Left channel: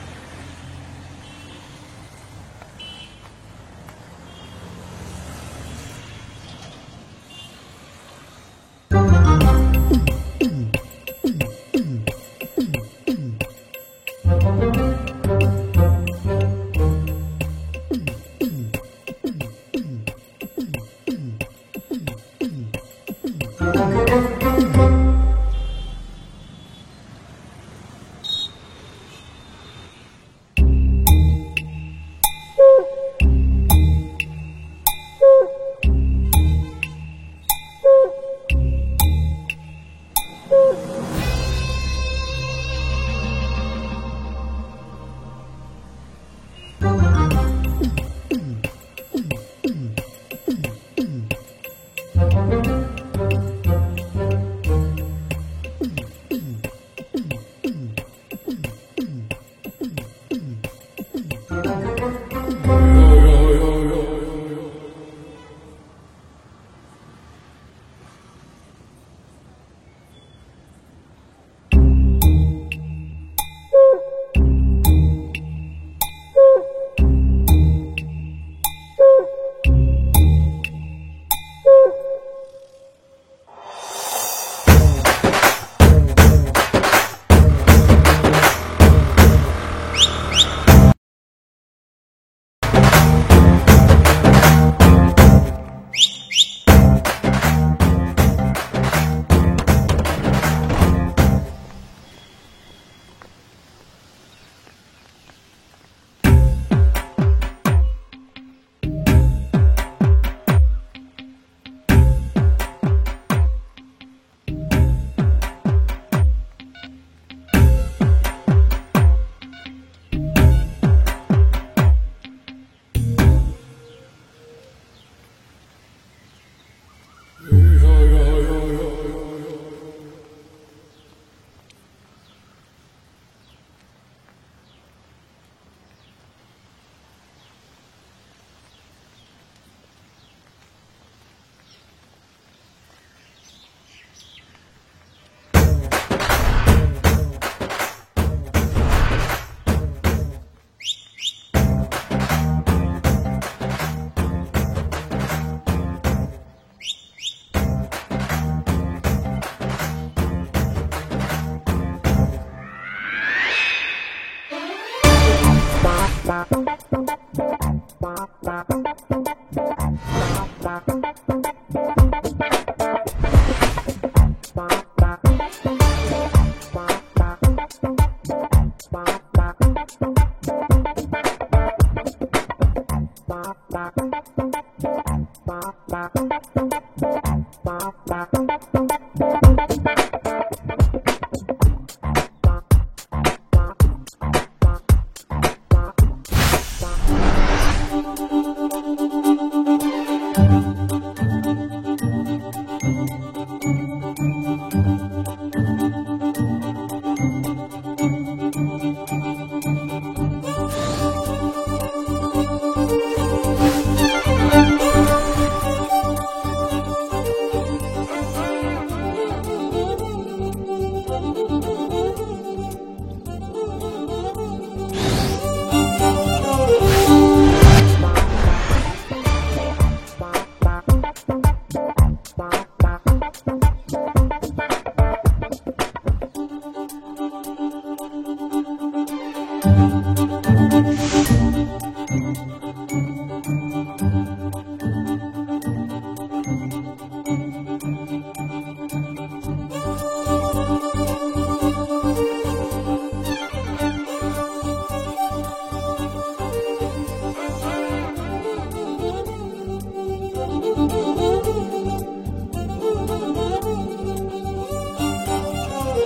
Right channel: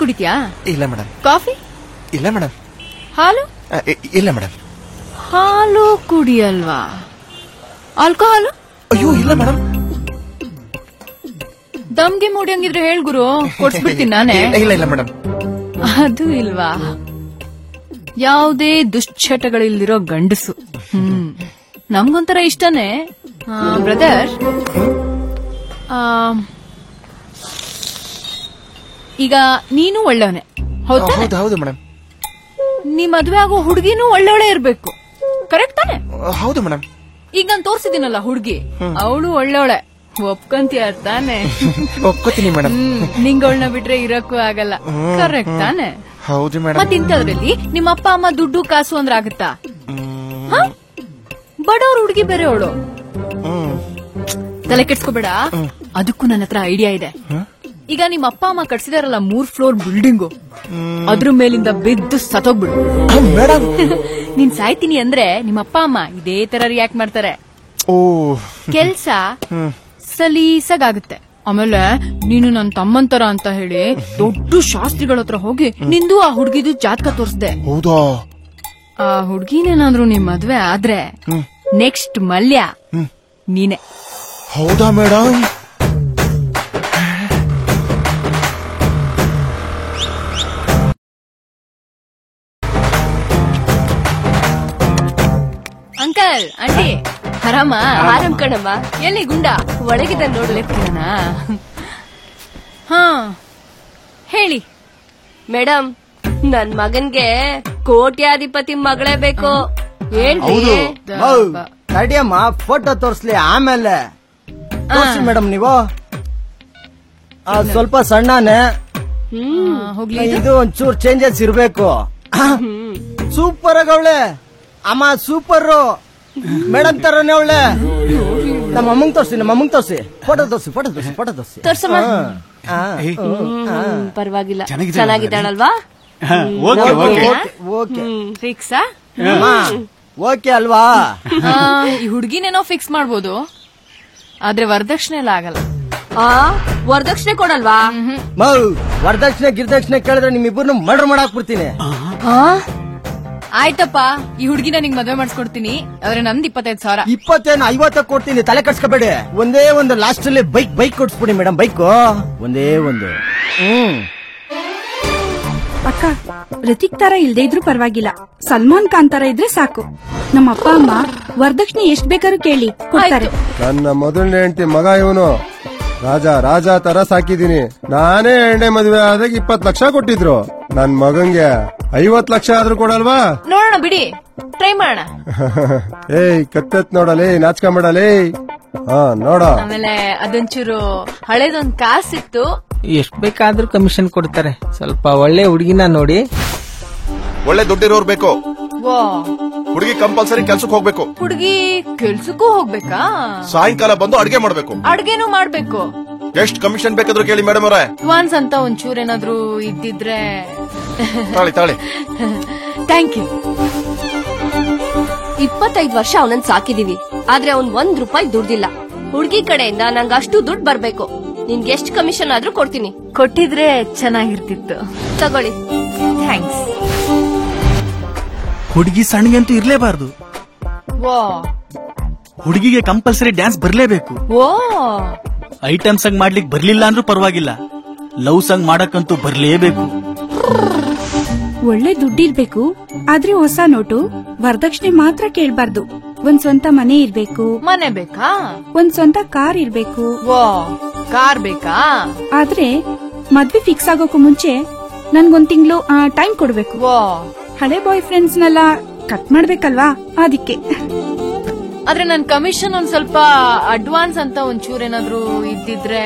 ಕುಡಿತ್ಯಾ? ಇಲ್ಲ madam. Coffee? ಇಲ್ಲ madam. ಹಾಲು? ಇಲ್ಲ ಮೇಡಮ್. ಹಾಲು ಕುಡಿಯಲ್ವಾ? ಆಲ್ಕೋಹಾಲು? ಅಯ್ಯೋ ಇಲ್ಲ ಮೇಡಮ್. ದಮ್ಗೆ ಮೂಡಿಯಂಗಿದ್ರೆ ಹೇಳ್ ಗುರು, ಕೊಡ್ಸ್ಬಿಡ್ತೀನಿ ನಾನೇ. ಇಲ್ಲ ಇಲ್ಲ ಮೇಡಮ್. ಅದು ಇಲ್ವಾ? ಯಾವುದೇ ದುಶ್ಚಟಗಳಿಲ್ದಿರೋ ಗಂಡಸು. ನಮ್ಗೊಂಥರ ಇಷ್ಟನೇ ಬ್ರದರ್. ಈಗ ನೀನು ಒಳ್ಳೆವನೆ, ಹೌದು ಮೇಡಮ್. ನೀ ಮದ್ವೆ ಆಗೋ ಹುಡುಗಿನೂ ಒಳ್ಳೆ ಇರ್ಬೇಕು, ಕರೆಕ್ಟ್ ತಾನೆ? ಹೌದು ಮೇಡಮ್. ಈಗ ನಾನು ತೋರ್ಸಿದ್ದೀನಲ್ಲ ಹುಡುಗಿ, ಅವಳು ಒಳ್ಳೆವಳೆ, ಒಪ್ಕೊಂತೀಯ ತಾನೆ? ಒಪ್ಕೋತೀನಿ ಮೇಡಮ್. ನಿಂಗವಳನ್ನ ಬಿಟ್ರೆ ಇರಕ್ಕೂ ಆಗಲ್ಲ, ಕರೆಕ್ಟ್ ತಾನೆ? ಹೌದು ಮೇಡಮ್. ಮತ್ತೆ ಇಂಥದ್ರಲ್ಲಿ ನಿಮ್ಮ ಅಪ್ಪ ಅಮ್ಮ ದುಡ್ಡು ಕಾಸು ಅಂದ್ರೆ ಆಗುತ್ತಾ? ಬಡವ್ರ ಹುಡುಗಿ ಬೇರೆ ಅವಳು, ತಲೆ ಕೆಡ್ಸ್ಕೋಬೇಡ. ಅದಕ್ಕೂ ನನ್ನ ಹತ್ರ ಐಡಿಯಾ ಇದೆ. ಈಗ ನಿಮ್ಮ ಅಪ್ಪ ಅಮ್ಮ ಕಟ್ಸಿದಾರಲ್ಲ 3 ಫ್ಲೋರ್ ಬಿಲ್ಡಿಂಗು, ಅದ್ರ ಮೇಲಿಂದ ಬಿದ್ದು ಸತ್ತೋಗ್ಬಿಡು ಮೇಡಮ್. ನೀನ್ ಸಾಯ್ತೀನಿ ಅಂದ್ರೆ ನಿಮ್ಮ ಅಪ್ಪ ಅಮ್ಮ ಇದೇ ತರ ರಿಯಾಕ್ಟ್ ಮಾಡ್ತಾರೆ. ಕೆಲ್ಸ ಸಲೀಸಾಗುತ್ತೆ. ಆಮೇಲೆ ನೀನು ನನ್ನ ತಮ್ಮನ್ ತರ ಅಂತ ಹೇಳಿ ದೊಡ್ಡ ಶಾಸ್ತ್ರಿಗಳ ಹತ್ರ ಹೋಗಿ ನಿಂದು ಆ ಹುಡ್ಗಿದು ಜಾತಕ ತೋರಿಸ್ದೆ. ಆ ಹುಡ್ಗಿನೇನಾದ್ರು ನಿಮ್ ಮದ್ವೆ ಆದ್ರೆ ನೆಕ್ಸ್ಟ್ ಮಲ್ಯ ನೀನೆ. ಹೌದಾ ಮೇಡಮ್? ಅಂಕಲ್, ಆಂಟಿ, ಆರಾಮ? ಆರಾಮ್ ಕಣಮ್ಮ. ಎಲ್ಲಿ ಗುಂಡ ಒಳಗಿದ್ದ ನೋಡ್ಲೇನ? ಹಾ ಹೇಳಿ ಮೇಡಮ್, ನನ್ ಮಗನ್ಗೆ ಕೋಟ್ಯಾಧಿಪತಿ ಮಗಳೇ ಬೇಕು. ಅಡಿಯಮ್ಮ ಫೋಟೋ ತೋರ್ಸ್ಲಿ, ಆಮೇಲೆ ಮೇಡಮ್. ನೀವು ಸ್ವಲ್ಪ ಸಣ್ಣನೆ, ಇದು ಒಂಚೂರು ಚೇಂಜಸ್ ಇರ್ಬೇಕು. ಸೂಪರ್ ಆಗವಳೆ ಅಮ್ಮ, ಸೂಪರ್ ಮೇಡಮ್ ತರನೇ ಅವಳೆ. ನಮ್ಮ ಅಮ್ಮಂಗ್ ತೋರ್ಸಿ, ಫೋಟೋ ತೋರ್ಸಿ. ತೋರ್ಸಮ್ಮ. ಪರವಾಗಿಲ್ಲ, ಚೆನ್ನಾಗಿದ್ದಾಳಲ್ವಾ? ಫಿಕ್ಸಾ? ಓಕೆ ಅಲ್ವಾ? ಈ ಹುಡ್ಗಿನೇನೋ ಫಿಕ್ಸ್ ಮಾಡ್ಬೋದು, ಆದ್ರೆ ವರದಕ್ಷಿಣೆ ಎಲ್ಲ ಆಗಲ್ಲ. ವರದಕ್ಷಿಣೆ ಕೊಡಲ್ವಾ? ವರದಕ್ಷಿಣೆ ಗಿರ್ದಕ್ಷಿಣೆ ಕೇಳಿದ್ರೆ ನಿಮ್ಮಿಬ್ಬರನ್ನು ಮರ್ಡರ್ ಮಾಡಾಕ್ಬಿಡ್ತೀನಿ. ಆಯ್ತಪ್ಪ, ಈ ಹುಡುಗಿನ ನಿಂಗೆ ಮದುವೆ ಮಾಡಿಸ್ಕೊಡ್ತೀನಿ, ಆದ್ರೆ ನಂದು 25,000. 50 ಕೊಡ್ತೀನಿ, ತಲೆ ಕಟ್ಸ್ಕೋಬೇಡಿ. ಒಂದೇ ಒಂದು ಲಾಸ್ಟ್ ಅಲ್ಲಿ ಬೈಕ್ ಕೊಡ್ಸ್ಬಿಡಿ ಮೇಡಮ್. ಬೈಕ್ ಒಂದೇ ಒಂದು. ಋತಿಕ್ ತರ ಇಲ್ದೇ ಇದ್ರು ಪರವಾಗಿಲ್ಲ, ಸಲ್ಮಾನ್ ಖಾನ್ ತರ ಇದ್ರೆ ಸಾಕು. ನಮ್ಮ ಅಪ್ಪ ಅಮ್ಮ ವರದಕ್ಷಿಣೆ ಎಷ್ಟ್ ಬೇಕಾದ್ರೂ ಕೇಳಿ ಕೊಡ್ತಾರೆ. ನನ್ನ ಮೊದಲನೇ ಹೆಂಡತಿ ಮಗ ಇವನು. ರಾಜ ತರ ಸಾಕಿದೀನಿ. ನಾನೇ ಎರಡನೇ ಮದುವೆ ಆದಾಗ 20 ಲಕ್ಷ ಕೊಟ್ಟಿದ್ರು. ನನ್ ಮಗಂಗೆ 50 ಲಕ್ಷ ಆದ್ರೂ ಕೊಡಲ್ವಾ? ನೋಡೋಣ ಬಿಡಿ, ಟ್ರೈ ಮಾಡೋಣ. ಏಯ್ ಕತ್ತತ್ ನೋಡಲೇ, ನಾಚ್ಕೊಂಬಿಡಲೇ. ನೋಡ. ಆಮೇಲೆ ಅದೊಂಚೂರು ಹಳೇದೊಂದ್ ಕಾಸಿತ್ತು. ಎಷ್ಟ್ ಬೇಕಾದ್ರೂ ಕಮಿಷನ್ ಕೊಡ್ತಾರೆ. ಸ್ವಲ್ಪ ಒಳ್ಳೆ ಹುಡುಗಿನ ನೋಡಿ. ಒಳ್ಳೆ ದುಡ್ಡಿರೋರ್ ಬೇಕು. ಹುಡುಗಿ ಕಂಪಲ್ಸರಿ ಕೆಲ್ಸಕ್ಕೆ ಹೋಗ್ಬೇಕು. ಹುಡುಗಿ ಕೆಲ್ಸಕ್ಕೂ ಹೋಗ್ಬೇಕಾ? ಸಾಯಂಕಾಲ ಬಂದು ಅಡ್ಗೆ ಮಾಡ್ಬೇಕು. ಅಡ್ಗೆನೂ ಮಾಡ್ಬೇಕು. ಎಷ್ಟು ಕಮಿಷನ್ ಬೇಕಾದ್ರೂ ಕೇಳಿ ಮೇಡಮ್ ಅವರೇ. ಅಡ್ವಾನ್ಸ್ ಅಂತ ಒಂಚೂರ್ ಏನಾದ್ರು ಇದ್ದಿದ್ರೆ. ತಾಳಿ ಥ್ಯಾಂಕ್ ಯು. 25 ವರ್ಷ ಅವನನ್ನ ಸಾಕಿದೀವಿ, ಆದ್ರೆ ಅವ್ನ್ 1 ರೂಪಾಯಿ ದುಡ್ಡಿಲ್ಲ. ಹುಡ್ಗಿ ಕಡೆಯಿಂದ ನಂಗೆ ಅಷ್ಟು ದುಡ್ಡು ಬರ್ಬೇಕು. ನಿನ್ಗೆ ಎಷ್ಟು ಕಮಿಷನ್ ಆದ್ರೂ ಕೊಡ್ತೀನಿ. ಕೊಟ್ಟಿದ್ರೆ ಚೆನ್ನಾಗಿರ್ತಿತ್ತು. ತಗೊಳ್ಳಿ. ಥ್ಯಾಂಕ್ಸ್. ಹುಡುಗಿ ಸಣ್ಣಗಂತೂ ಇರ್ಲೇಬಾರ್ದು. ಹುಡುಗಿಗೆ ಕಂಪಲ್ಸರಿ ಡ್ಯಾನ್ಸ್ ಬರ್ಲೇಬೇಕು. ಐಟಮ್ ಸಾಂಗ್ ಮಾಡ್ಲಿಕ್ಕೆ ಬರ್ಲಿಲ್ಲ ಅಂದ್ರೂ ಪರವಾಗಿಲ್ಲ, ಲವ್ ಸಾಂಗ್ ಮಾಡಕ್ಕಂತೂ ಬರ್ಲೇಬೇಕು. ಒಳ್ಳೆ ದುಡ್ಡಿರ್ಬೇಕು, ಆದ್ರೆ ಹೊಸ ನೋಟು. ವರದಕ್ಷಿಣೆ ಮಾತ್ರ ಕೇಳ್ಬಾರ್ದು. ಒಂದ್ ಸ್ವಂತ ಮನೆ ಇರ್ಬೇಕು. ಮನೆ ಬೇಕಾ? ಒಂದ್ ಸ್ವಂತ ಕಾರ್ ಇರ್ಬೇಕು. ಕಾರ್ ಬೇಕಾ? ಆದ್ರೆ ಮದ್ವೆ ಫಿಕ್ಸ್ ಆಗೋಕು ಮುಂಚೆ ನನ್ಗೊಂದ್ ತಿಂಗಳು ಟೈಮ್ ಕೊಡ್ಬೇಕು. ಹಳೆ ಬಾಯ್ ಫ್ರೆಂಡ್ಸ್ನೆಲ್ಲ ಕಟ್ ಮಾಡ್ಬೇಕಲ್ವಾ, ಅದಕ್ಕೆ. ಆದ್ರೆ ನನ್ ಕಮಿಷನ್ ಒಂದ್ ಸ್ವಲ್ಪ ಅಡ್ವಾನ್ಸ್ ಅಂತ ಒಂಚೂರ್ ಏನಾದ್ರು ಇದ್ದಿದ್ರೆ.